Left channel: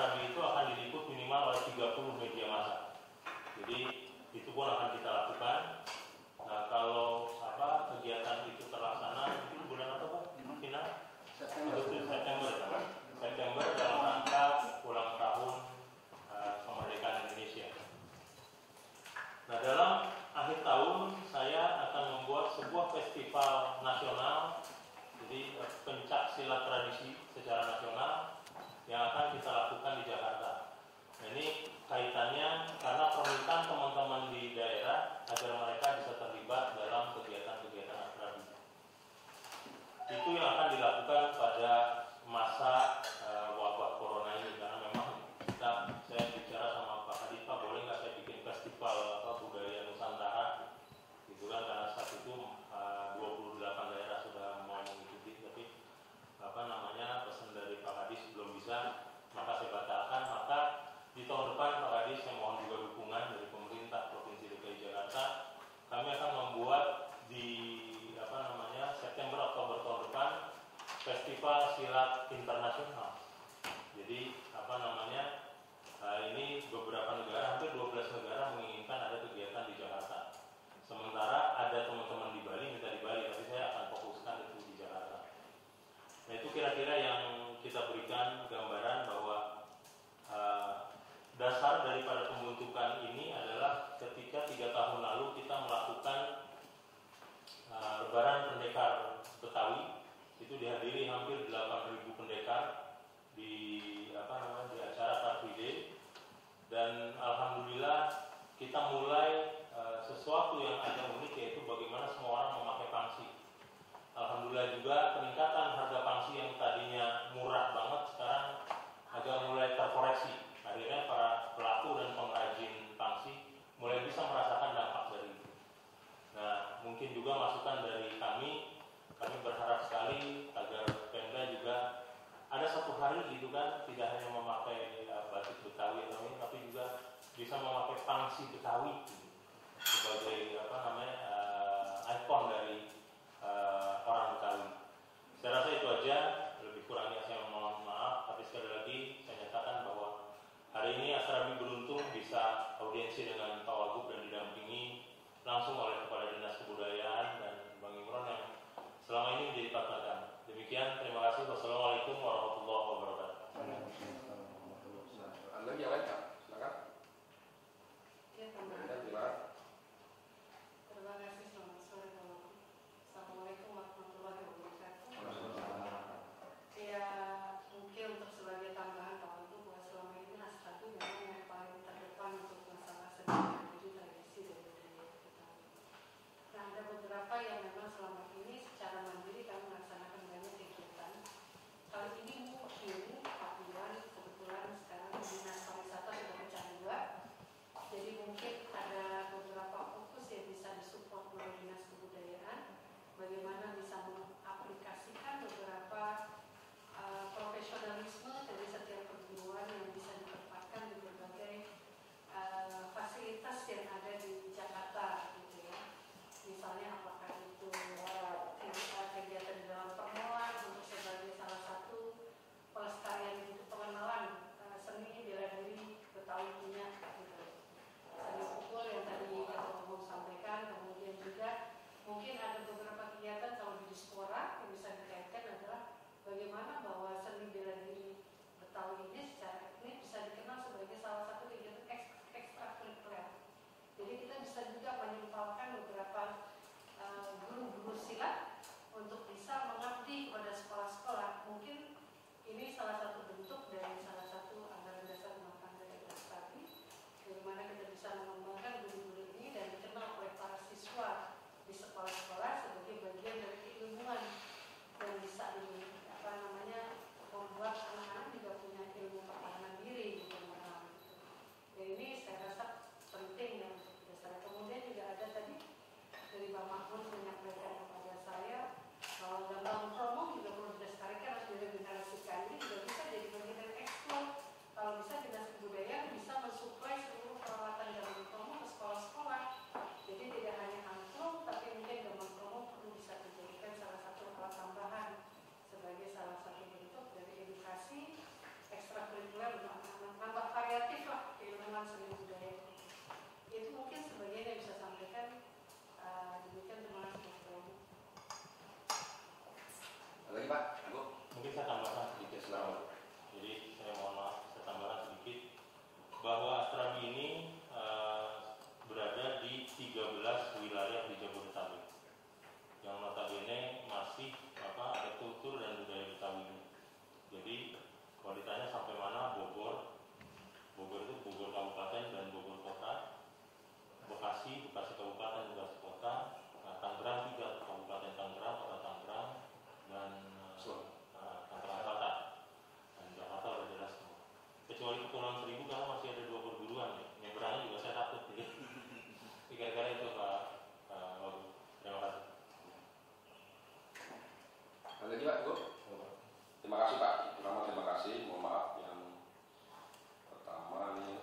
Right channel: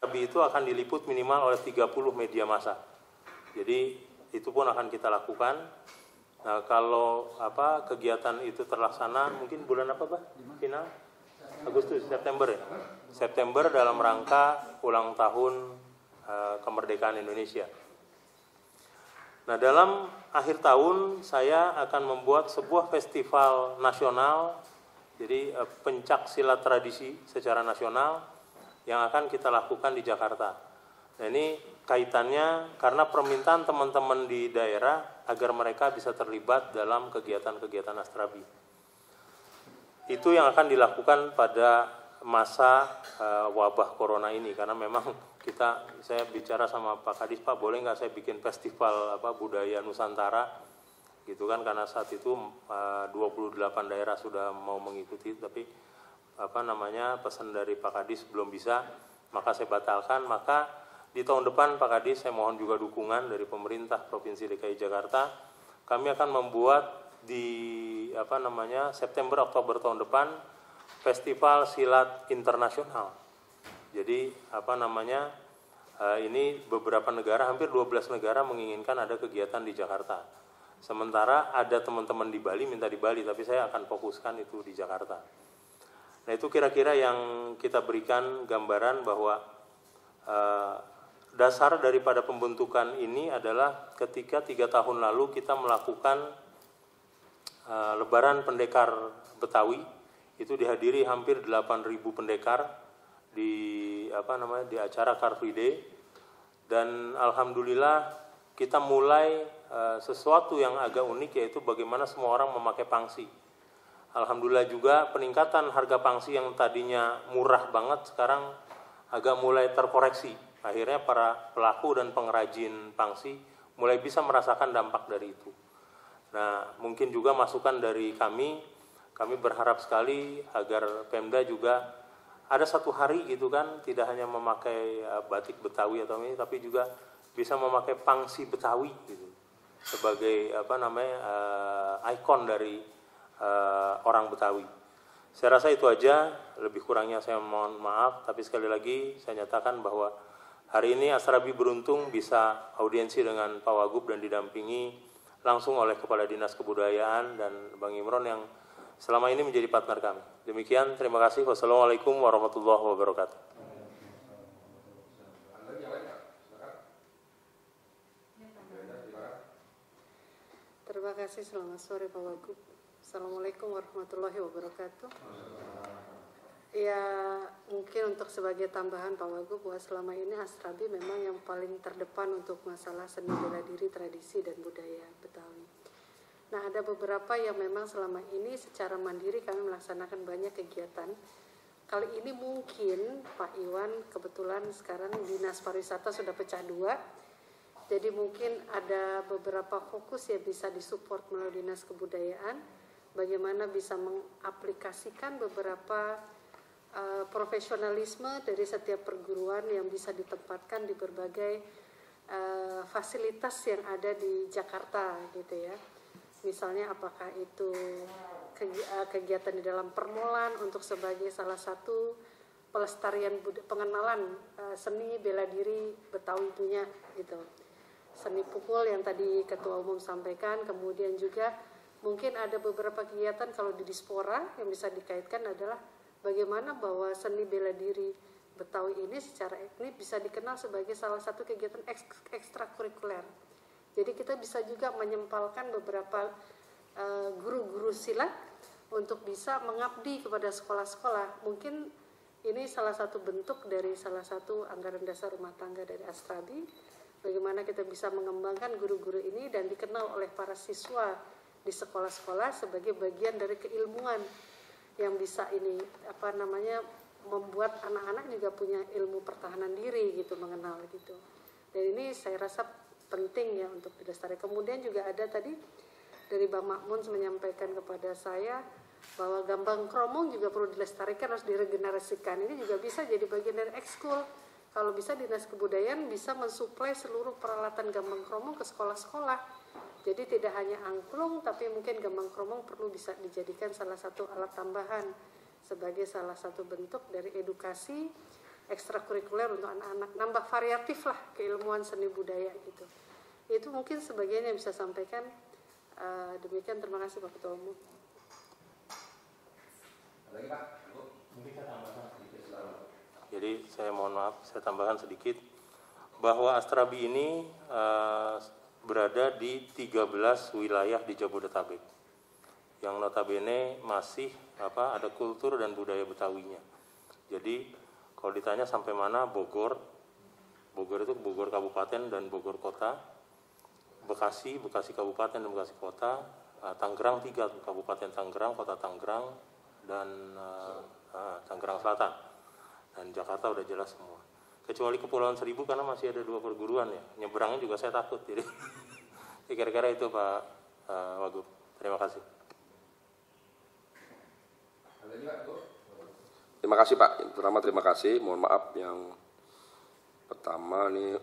Asrabi itu akan diliput minimal oleh 30 media massa. Jadi itu pun akan kita lakukan. Nah, kalau kegiatan itu terlaksana mungkin bulan apa Pak? Final? Agustus, September ya? September dalam rangka ulang tahun kemerdekaan Indonesia. Nah, dalam akhir tahun saya akan membuat sebuah festival nasional, jadi pencak silat tradisi secara nasional yang akan kita lakukan di Jakarta. Nah, ini kaitannya karena permintaan teman-teman di daerah agar mereka bisa terlibat dalam kegiatan-kegiatan Asrabi. Itu yang akan dilakukan pada masa wabah corona ini, karena memang saya bicara sama Pak Kadis, Pak boleh nggak saya bikin festival budaya Nusantara gitu kan, karena saat itu 28 daerah sudah mau mengikuti, tapi pesan dari Pak Kadis belum bisa, maka saya batalkan. Maka di tahun depan Pak Kadis, saya mohon juga dukungan dari pemerintah Provinsi DKI Jakarta, kami akan membuat di September Oktober tahun depan Festival Silat Internasional. Jadi ini beberapa negara, hampir 12 negara menginginkan ada kegiatan di Jakarta. Sementara ada teman-teman di Bali minta di Bali, tapi saya akan fokuskan itu di Jakarta. Nah, itu kira-kira yang kita berikan gambaran bahwa dasar daripada pembentukan ini adalah ketika 3 tahun lalu kita melakukan Lebaran Pendekar Betawi. Itu dihadiri hampir 8.000 pendekar di acara Car Free Day, dan alhamdulillah kita mulai sesuatu yang agak unik, yaitu bagaimana semua orang memakai pangsi. Alhamdulillah juga peningkatan harga pangsi yang tadinya murah banget sekarang agak mulai terkoreksi. Akhirnya para pelaku dan pengrajin pangsi mulai bisa merasakan dampak dari itu. Nah, mungkin juga masukan dari kami berharap sekali agar Pemda juga ada satu hari gitu kan, tidak hanya memakai batik Betawi atau ini, tapi juga bisa memakai pangsi Betawi gitu sebagai ikon dari orang Betawi. Saya rasa itu aja, lebih kurangnya saya mohon maaf, tapi sekali lagi saya nyatakan bahwa hari ini Asrabi beruntung bisa audiensi dengan Pak Wagub dan didampingi langsung oleh Kepala Dinas Kebudayaan dan Bang Imron yang selama ini menjadi partner kami. Demikian, terima kasih. Wassalamualaikum warahmatullahi wabarakatuh. Terima kasih, selamat sore Pak Wagub. Assalamualaikum warahmatullahi wabarakatuh. Ya, mungkin untuk sebagai tambahan Pak Wagub, bahwa selama ini Asrabi memang yang paling terdepan untuk masalah seni bela diri, tradisi, dan budaya Betawi. Nah, ada beberapa yang memang selama ini secara mandiri kami melaksanakan banyak kegiatan. Kali ini mungkin Pak Iwan kebetulan sekarang Dinas Pariwisata sudah pecah 2. Jadi mungkin ada beberapa fokus yang bisa disupport melalui Dinas Kebudayaan. Bagaimana bisa mengaplikasikan beberapa profesionalisme dari setiap perguruan yang bisa ditempatkan di berbagai fasilitas yang ada di Jakarta gitu ya. Misalnya apakah itu kegiatan di dalam permolan untuk sebagai salah satu pelestarian pengenalan seni bela diri Betawi punya gitu. Seni pukul yang tadi Ketua Umum sampaikan, kemudian juga mungkin ada beberapa kegiatan kalau di Dispora yang bisa dikaitkan adalah bagaimana bahwa seni bela diri Betawi ini secara etnik bisa dikenal sebagai salah satu kegiatan ekstrakurikuler. Jadi kita bisa juga menyempalkan beberapa guru-guru silat untuk bisa mengabdi kepada sekolah-sekolah. Mungkin ini salah satu bentuk dari salah satu anggaran dasar rumah tangga dari Asrabi. Bagaimana kita bisa mengembangkan guru-guru ini dan dikenal oleh para siswa di sekolah-sekolah sebagai bagian dari keilmuan yang bisa ini membuat anak-anak juga punya ilmu pertahanan diri gitu, mengenal gitu. Dan ini saya rasa penting ya untuk dilestarikan. Kemudian juga ada tadi dari Bang Makmun menyampaikan kepada saya bahwa gambang kromong juga perlu dilestarikan, harus diregenerasikan. Ini juga bisa jadi bagian dari ekskul. Kalau bisa Dinas Kebudayaan bisa mensuplai seluruh peralatan gambang kromong ke sekolah-sekolah. Jadi tidak hanya angklung, tapi mungkin gambang kromong perlu bisa dijadikan salah satu alat tambahan sebagai salah satu bentuk dari edukasi ekstrakurikuler untuk anak-anak, nambah variatif lah keilmuan seni budaya gitu. Itu mungkin sebagian yang bisa sampaikan. Demikian, terima kasih Pak Ketua Umum. Lagi Pak, Mungkin saya tambahkan sedikit. Jadi saya mohon maaf, saya tambahkan sedikit bahwa Astrabi ini berada di 13 wilayah di Jabodetabek yang notabene masih ada kultur dan budaya Betawinya. Jadi kalau ditanya sampai mana, Bogor itu Bogor Kabupaten dan Bogor Kota, Bekasi Kabupaten dan Bekasi Kota, Tangerang 3 Kabupaten Tangerang, Kota Tangerang, dan Tangerang Selatan, dan Jakarta udah jelas semua. Kecuali Kepulauan Seribu karena masih ada 2 perguruan ya. Nyebrangnya juga saya takut. Jadi kira-kira itu Pak Wagub. Terima kasih. lagi Pak, Go. Terima kasih Pak. Terima kasih. Mohon maaf yang pertama nih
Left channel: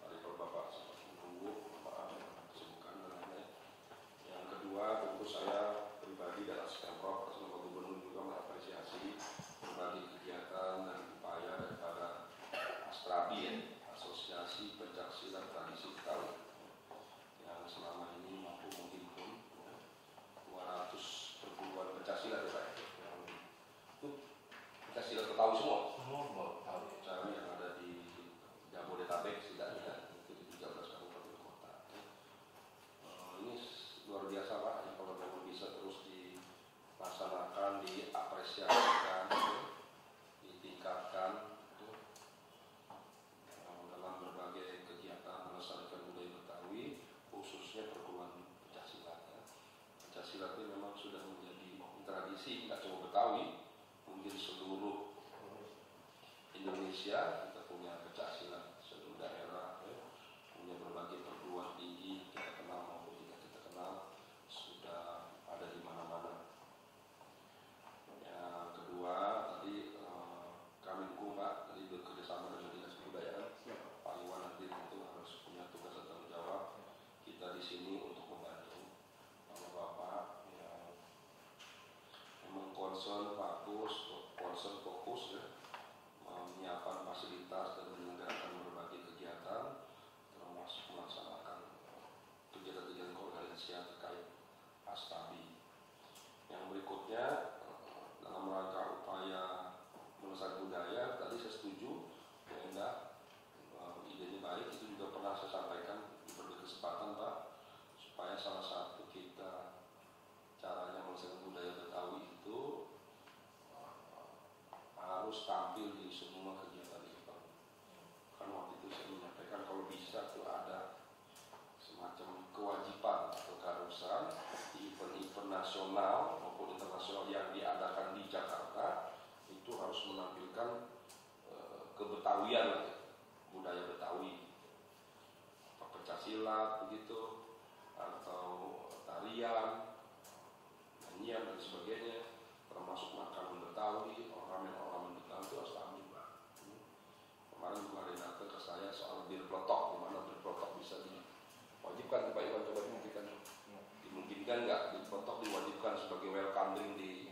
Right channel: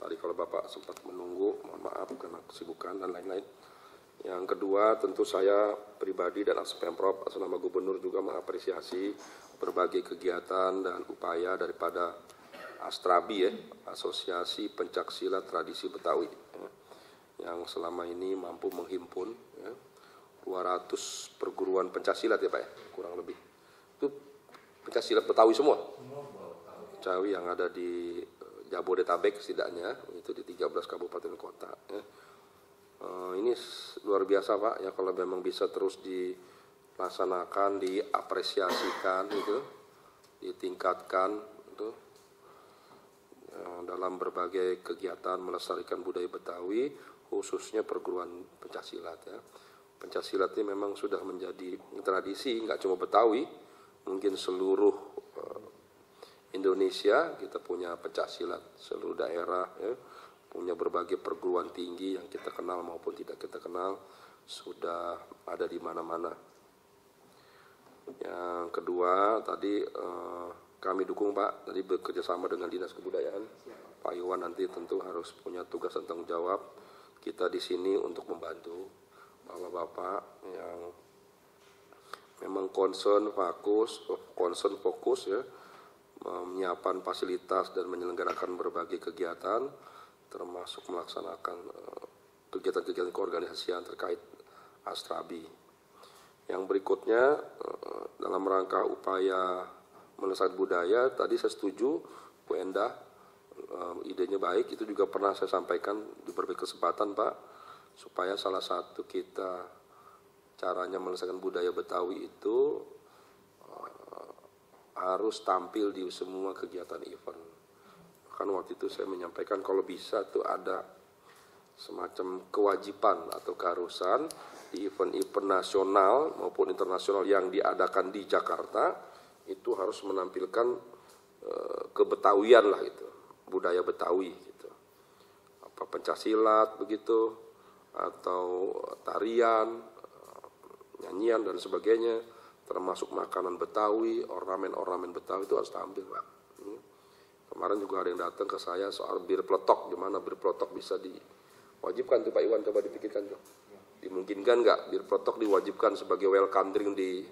tadi kalau Bapak sempat menunggu, mohon maaf karena kesibukan dan lain-lain. Yang kedua tentu saya pribadi dan atas Pemprov atas nama Gubernur juga mengapresiasi berbagai kegiatan dan upaya daripada Astrabi ya, Asosiasi Pencaksilat Tradisi Betawi yang selama ini mampu menghimpun ya, 200 perguruan pencaksilat ya Pak ya, kurang lebih. Itu pencaksilat Betawi semua. Betawi yang ada di Jabodetabek setidaknya, itu di 13 kabupaten kota. Ya. Ini luar biasa Pak, ya kalau memang bisa terus dilaksanakan, diapresiasikan, gitu, ditingkatkan, gitu, dalam berbagai kegiatan melestarikan budaya Betawi, khususnya perguruan pencaksilat. Ya. Pencaksilat ini memang sudah menjadi tradisi, nggak cuma Betawi, mungkin seluruh Indonesia kita punya pencaksilat, seluruh daerah ya, punya berbagai perguruan tinggi yang kita kenal maupun tidak kita kenal sudah ada di mana-mana. Yang kedua tadi kami dukung Pak, tadi bekerjasama dengan Dinas Kebudayaan, Pak Iwan nanti tentu harus punya tugas dan tanggung jawab. Kita di sini untuk membantu Bapak-bapak yang memang concern fokus ya, menyiapkan fasilitas dan menyelenggarakan berbagai kegiatan termasuk melaksanakan kegiatan-kegiatan keorganisasian terkait Astrabi. Yang berikutnya dalam rangka upaya melestarikan budaya, tadi saya setuju Bu Endah, idenya baik, itu juga pernah saya sampaikan di berbagai kesempatan Pak, supaya salah satu kita caranya melestarikan budaya Betawi itu harus tampil di semua kegiatan event. Kan waktu itu saya menyampaikan kalau bisa tuh ada semacam kewajiban atau keharusan di event-event nasional maupun internasional yang diadakan di Jakarta itu harus menampilkan kebetawian lah itu, budaya Betawi gitu. Apa pencaksilat begitu atau tarian, nyanyian dan sebagainya, termasuk makanan Betawi, ornamen-ornamen Betawi itu harus tampil Pak. Kemarin juga ada yang datang ke saya soal bir peletok, di mana bir peletok bisa diwajibkan tuh Pak Iwan, coba dipikirkan tuh. Dimungkinkan nggak bir peletok diwajibkan sebagai welcome drink di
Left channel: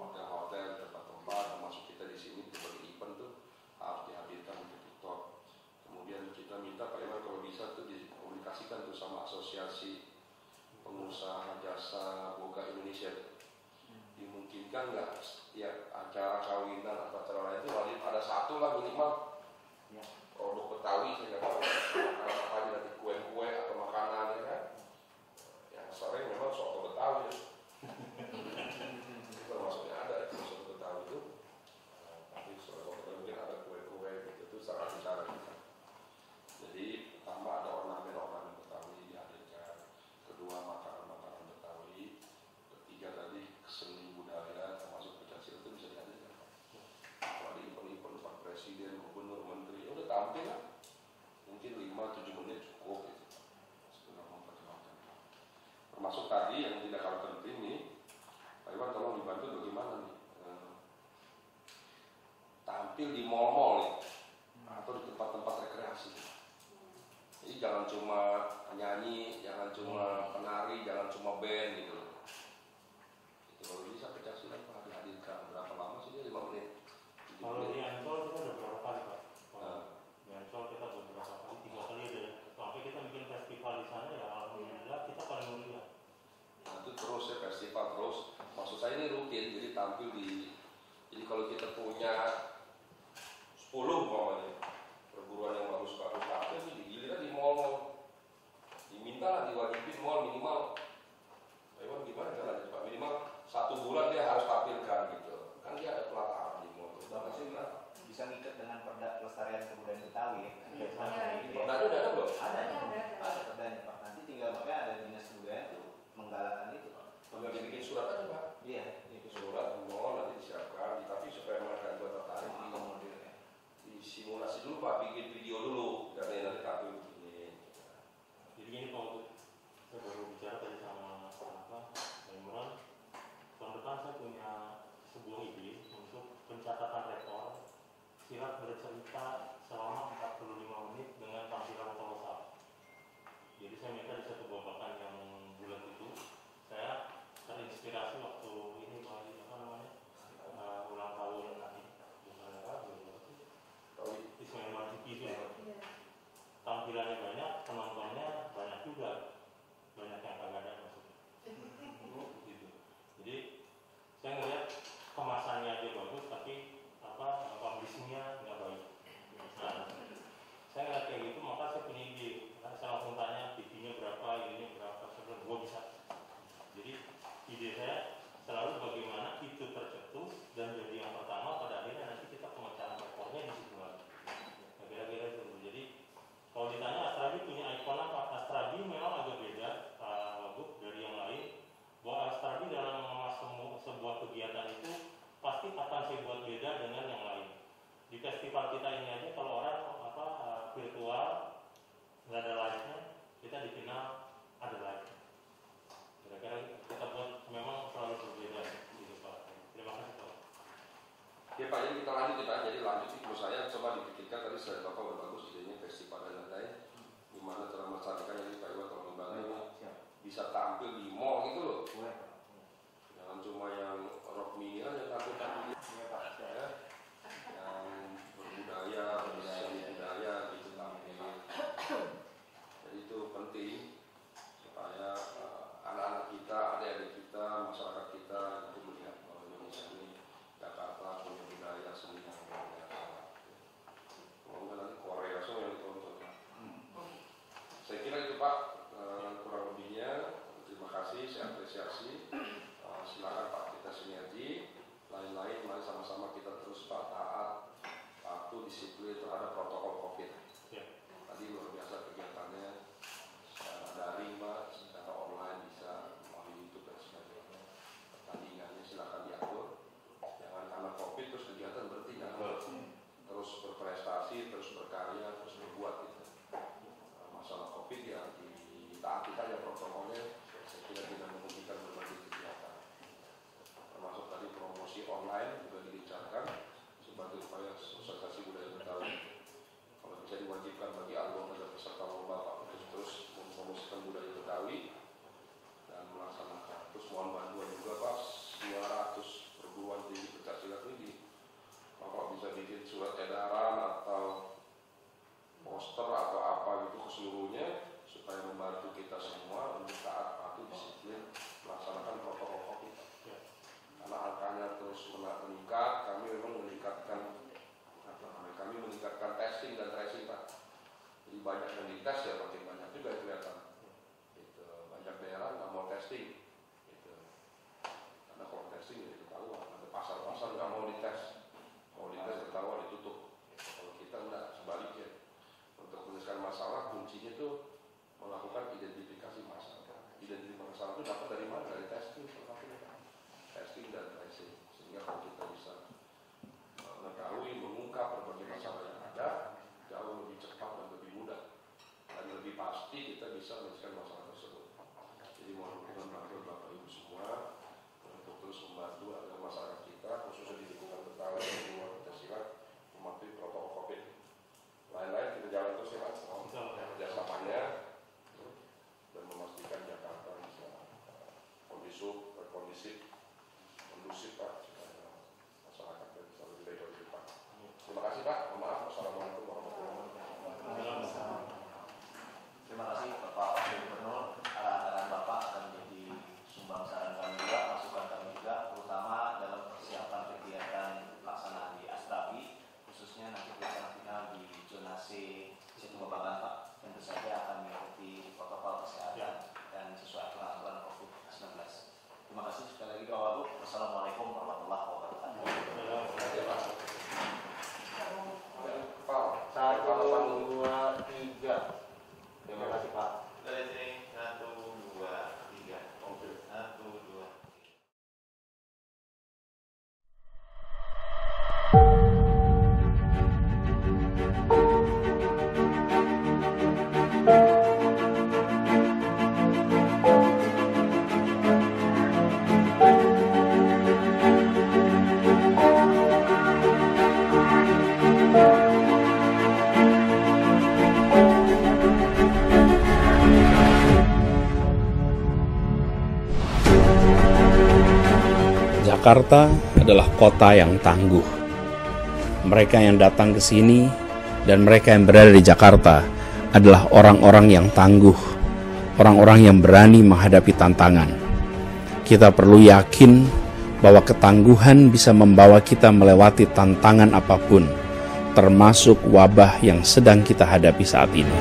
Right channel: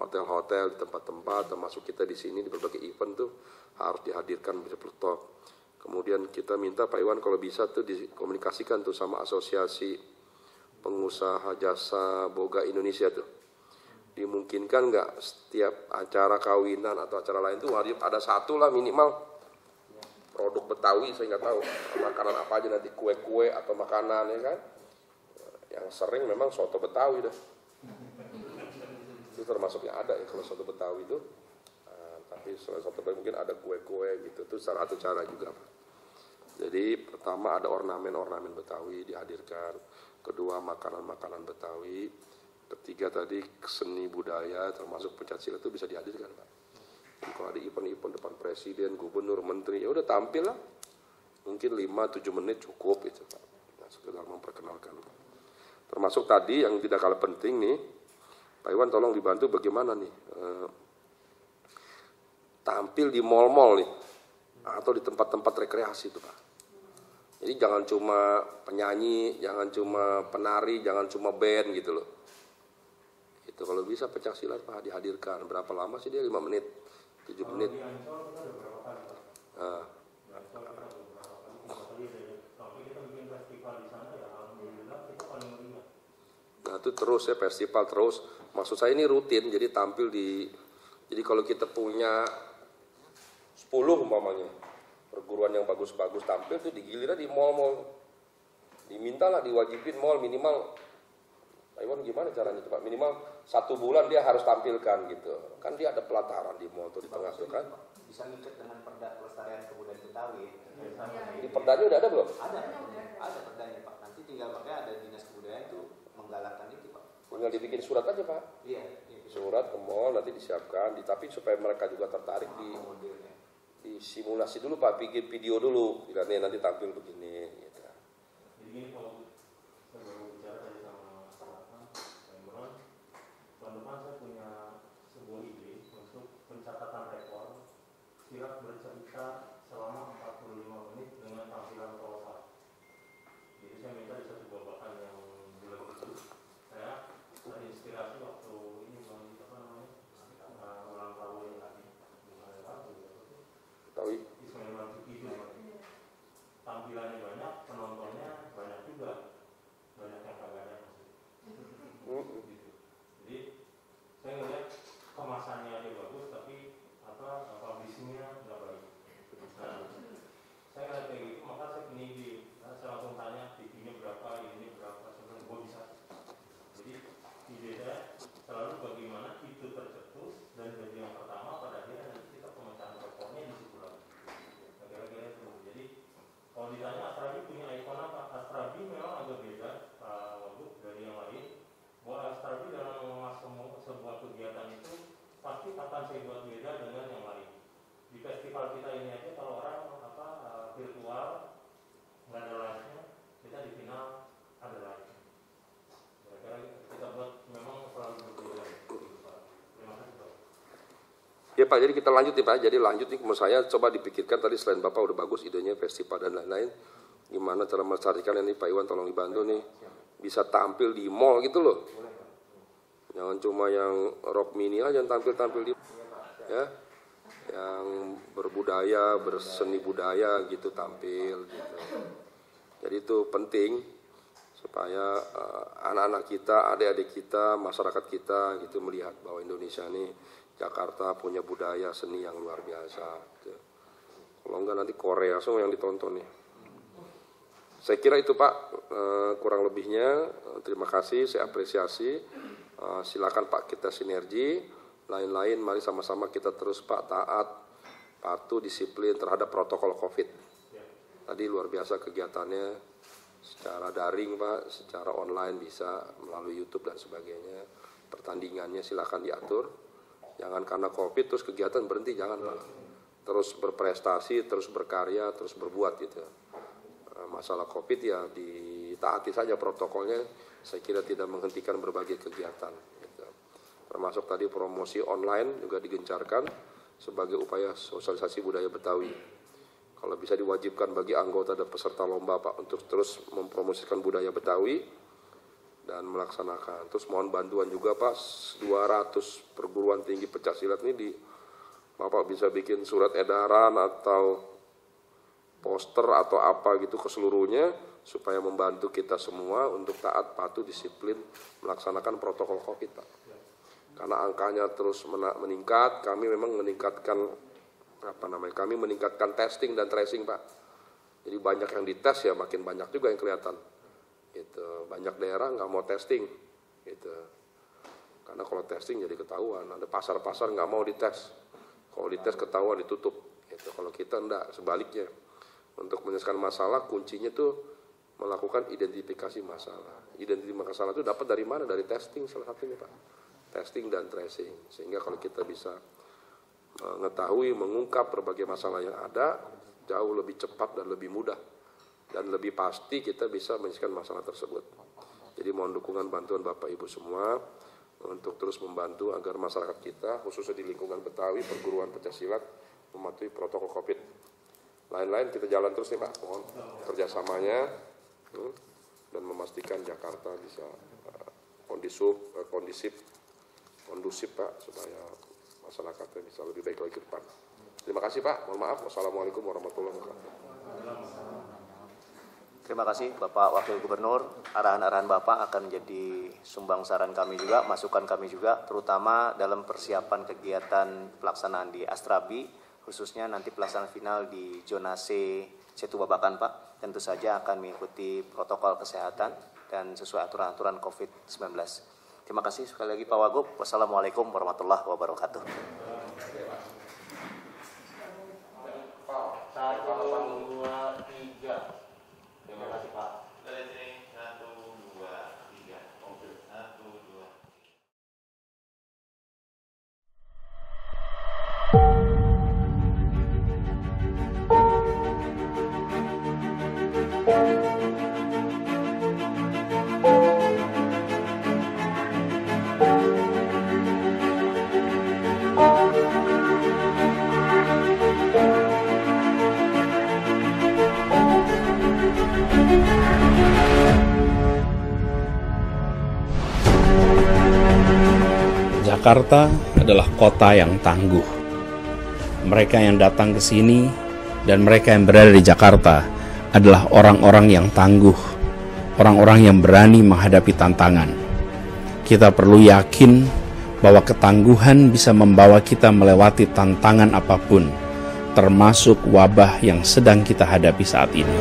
hotel-hotel, di tempat-tempat, termasuk kita di sini di berbagai event tuh harus dihadirkan bir peletok. Kemudian kita minta Pak Iwan kalau bisa tuh dikomunikasikan tuh sama Asosiasi Pengusaha Jasa Boga Indonesia tuh. Dimungkinkan nggak setiap acara kawinan atau acara lain tuh wajib ada satu lah minimal produk Betawi, saya nggak tahu makanan apa aja nanti, kue-kue atau makanan ya kan, yang sering memang soto Betawi deh, itu termasuknya ada ya kalau soto Betawi itu, tapi selain soto Betawi mungkin ada kue-kue gitu, itu salah satu cara juga. Jadi pertama ada ornamen-ornamen Betawi dihadirkan, kedua makanan-makanan Betawi, ketiga tadi seni budaya termasuk pencaksilat itu bisa dihadirkan Pak. Kalau ada event-event depan presiden, gubernur, menteri, ya udah tampil lah. Mungkin 5-7 menit cukup itu Pak. Nah, sekedar memperkenalkan. Termasuk tadi yang tidak kalah penting nih, Pak Iwan tolong dibantu bagaimana nih tampil di mal-mal nih atau di tempat-tempat rekreasi itu Pak. Jadi jangan cuma penyanyi, jangan cuma penari, jangan cuma band gitu loh. Itu kalau bisa pencaksilat Pak dihadirkan. Berapa lama sih dia? 5 menit. 7 Kalau menit. di Ancol kita ada berapa kali Pak? Nah, Di Ancol kita ada beberapa kali, 3 kali deh. Sampai kita bikin festival di sana ya alhamdulillah kita paling meriah. nah itu terus ya festival terus. Maksud saya ini rutin, jadi tampil di. Jadi kalau kita punya 10 umpamanya perguruan yang bagus-bagus tampil tuh digiliran di mall-mall. Dimintalah diwajibin mall minimal. Iwan gimana caranya Pak? Minimal 1 bulan dia harus tampilkan gitu. Kan dia ada pelataran di mall tuh di tengah kan. Bisa ngikat dengan perda pelestarian kebudayaan Betawi. Di perdanya udah ada belum? Ada perdanya Pak. Nanti tinggal makanya ada dinas kebudayaan tuh menggalakkan itu Pak. Tinggal dibikin surat aja Pak. Iya. Surat ke mall nanti disiapkan. Tapi supaya mereka juga tertarik di simulasi dulu Pak, bikin video dulu. Nanti tampil begini. Gitu. Jadi gini Pak, saya baru bicara tadi sama Imran. Tahun depan saya punya sebuah ide untuk pencatatan rekor silat bercerita selama 45 menit dengan tampilan kolosal. Jadi saya minta di satu babakan yang bulan itu saya terinspirasi waktu ini ulang tahun Tahu? Ismail Marzuki itu. Tampilannya banyak, penontonnya banyak juga, banyak yang kagak ada gitu. Jadi saya ngeliat kemasannya aja bagus tapi publishingnya nggak baik. Nah, saya ngeliat kayak gitu maka saya punya ide. Saya langsung tanya TV-nya berapa, ininya berapa, sebelum gua bisa. Jadi ide saya selalu bagaimana itu tercetus dan jadi yang pertama pada akhirnya nanti kita pemecahan rekornya di situ lagi. Kira-kira itu. Jadi kalau ditanya Astrabi punya ikon apa? Astrabi memang agak beda dari yang lain. Bahwa Astrabi dalam mengemas sebuah kegiatan itu pasti akan saya buat beda dengan yang lain. Di festival kita ini aja kalau orang virtual nggak ada live-nya, kita dikenal ada live-nya. Kira-kira kita buat memang selalu berbeda. Gitu, Pak. Terima kasih Pak. Ya Pak, jadi kita lanjut nih Pak. Jadi lanjut nih menurut saya coba dipikirkan tadi selain Bapak udah bagus idenya festival dan lain-lain. Gimana cara melestarikan ini Pak Iwan tolong dibantu nih. Bisa tampil di mall gitu loh. Jangan cuma yang rock mini aja yang tampil-tampil di ya. Yang berbudaya, berseni budaya gitu tampil gitu. Jadi itu penting supaya anak-anak kita, adik-adik kita, masyarakat kita gitu melihat bahwa Indonesia ini Jakarta punya budaya seni yang luar biasa. Gitu. Kalau enggak nanti Korea semua yang ditonton nih. Saya kira itu Pak kurang lebihnya. Terima kasih, saya apresiasi. Silakan Pak kita sinergi. Lain-lain mari sama-sama kita terus Pak taat, patuh, disiplin terhadap protokol COVID. Tadi luar biasa kegiatannya secara daring Pak, secara online bisa melalui YouTube dan sebagainya. Pertandingannya silakan diatur. Jangan karena COVID terus kegiatan berhenti, jangan. Terus berprestasi, terus berkarya, terus berbuat gitu. Masalah COVID ya ditaati saja protokolnya. Saya kira tidak menghentikan berbagai kegiatan. Gitu. Termasuk tadi promosi online juga digencarkan sebagai upaya sosialisasi budaya Betawi. Kalau bisa diwajibkan bagi anggota dan peserta lomba Pak untuk terus mempromosikan budaya Betawi dan melaksanakan. Terus mohon bantuan juga Pak, 200 perguruan tinggi pencaksilat ini Bapak bisa bikin surat edaran atau poster atau apa gitu ke seluruhnya supaya membantu kita semua untuk taat, patuh, disiplin melaksanakan protokol COVID Pak. Karena angkanya terus meningkat, kami memang meningkatkan kami meningkatkan testing dan tracing Pak. Jadi banyak yang dites ya makin banyak juga yang kelihatan. Gitu. Banyak daerah nggak mau testing. Gitu. Karena kalau testing jadi ketahuan. Ada pasar-pasar nggak mau dites. Kalau dites ketahuan ditutup. Gitu. Kalau kita enggak, sebaliknya. Untuk menyelesaikan masalah kuncinya tuh melakukan identifikasi masalah. Identifikasi masalah itu dapat dari mana? Dari testing salah satunya Pak. Testing dan tracing. Sehingga kalau kita bisa mengetahui, mengungkap berbagai masalah yang ada, jauh lebih cepat dan lebih mudah. Dan lebih pasti kita bisa menyelesaikan masalah tersebut. Jadi mohon dukungan bantuan Bapak Ibu semua untuk terus membantu agar masyarakat kita, khususnya di lingkungan Betawi, perguruan pencaksilat, mematuhi protokol COVID. Lain-lain kita jalan terus ya Pak, mohon kerjasamanya dan memastikan Jakarta bisa kondusif Pak, supaya masyarakatnya bisa lebih baik lagi ke depan. Terima kasih Pak, mohon maaf. Wassalamualaikum warahmatullahi wabarakatuh. Terima kasih Bapak Wakil Gubernur. Arahan-arahan Bapak akan menjadi sumbang saran kami juga, masukan kami juga, terutama dalam persiapan kegiatan pelaksanaan di Astrabi, khususnya nanti pelaksanaan final di zona C Setu Babakan Pak. Tentu saja akan mengikuti protokol kesehatan dan sesuai aturan-aturan COVID-19. Terima kasih sekali lagi Pak Wagub. Wassalamualaikum warahmatullahi wabarakatuh. 1, 2, 3. Terima kasih Pak. Dari sini 1, 2, 3. 1, 2. Jakarta adalah kota yang tangguh. Mereka yang datang ke sini dan mereka yang berada di Jakarta adalah orang-orang yang tangguh, orang-orang yang berani menghadapi tantangan. Kita perlu yakin bahwa ketangguhan bisa membawa kita melewati tantangan apapun, termasuk wabah yang sedang kita hadapi saat ini.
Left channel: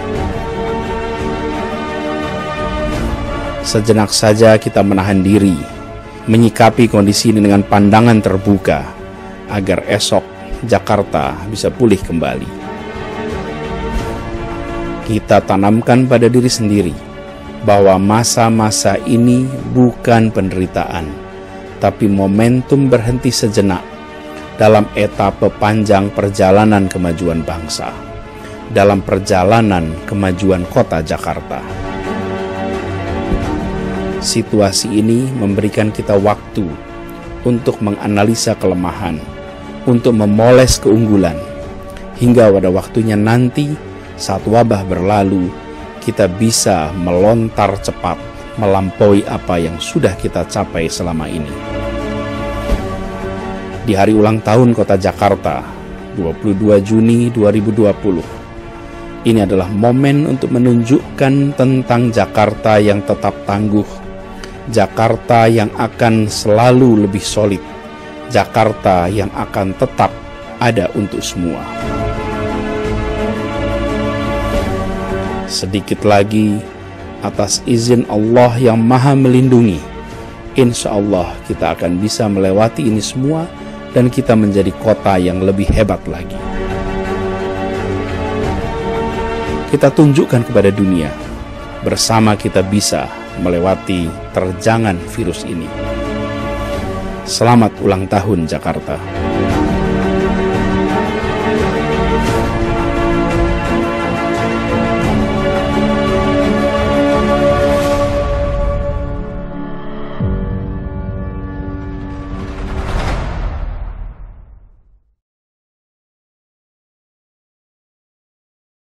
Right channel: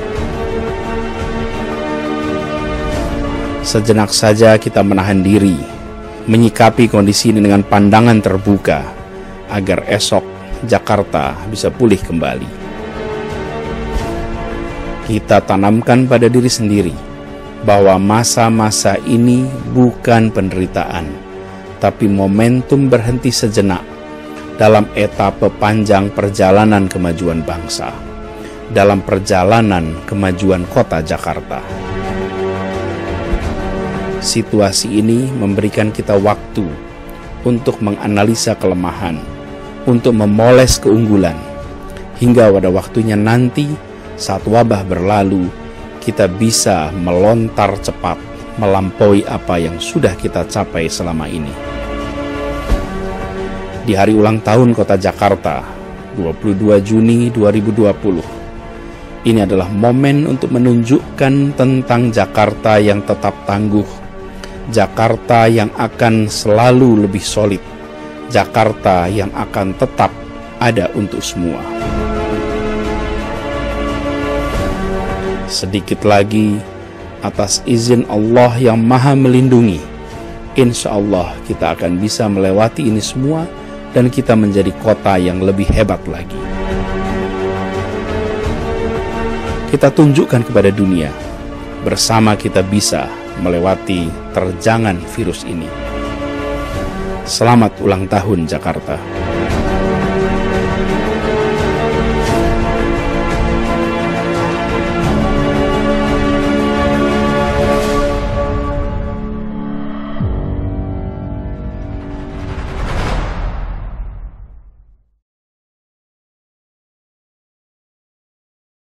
Sejenak saja kita menahan diri, menyikapi kondisi ini dengan pandangan terbuka, agar esok Jakarta bisa pulih kembali. Kita tanamkan pada diri sendiri bahwa masa-masa ini bukan penderitaan, tapi momentum berhenti sejenak dalam etapa panjang perjalanan kemajuan bangsa, dalam perjalanan kemajuan kota Jakarta. Situasi ini memberikan kita waktu untuk menganalisa kelemahan, untuk memoles keunggulan, hingga pada waktunya nanti saat wabah berlalu, kita bisa melontar cepat melampaui apa yang sudah kita capai selama ini. Di hari ulang tahun Kota Jakarta, 22 Juni 2020, ini adalah momen untuk menunjukkan tentang Jakarta yang tetap tangguh, Jakarta yang akan selalu lebih solid, Jakarta yang akan tetap ada untuk semua. Sedikit lagi, atas izin Allah yang Maha Melindungi, insya Allah kita akan bisa melewati ini semua dan kita menjadi kota yang lebih hebat lagi. Kita tunjukkan kepada dunia, bersama kita bisa melewati terjangan virus ini. Selamat ulang tahun Jakarta.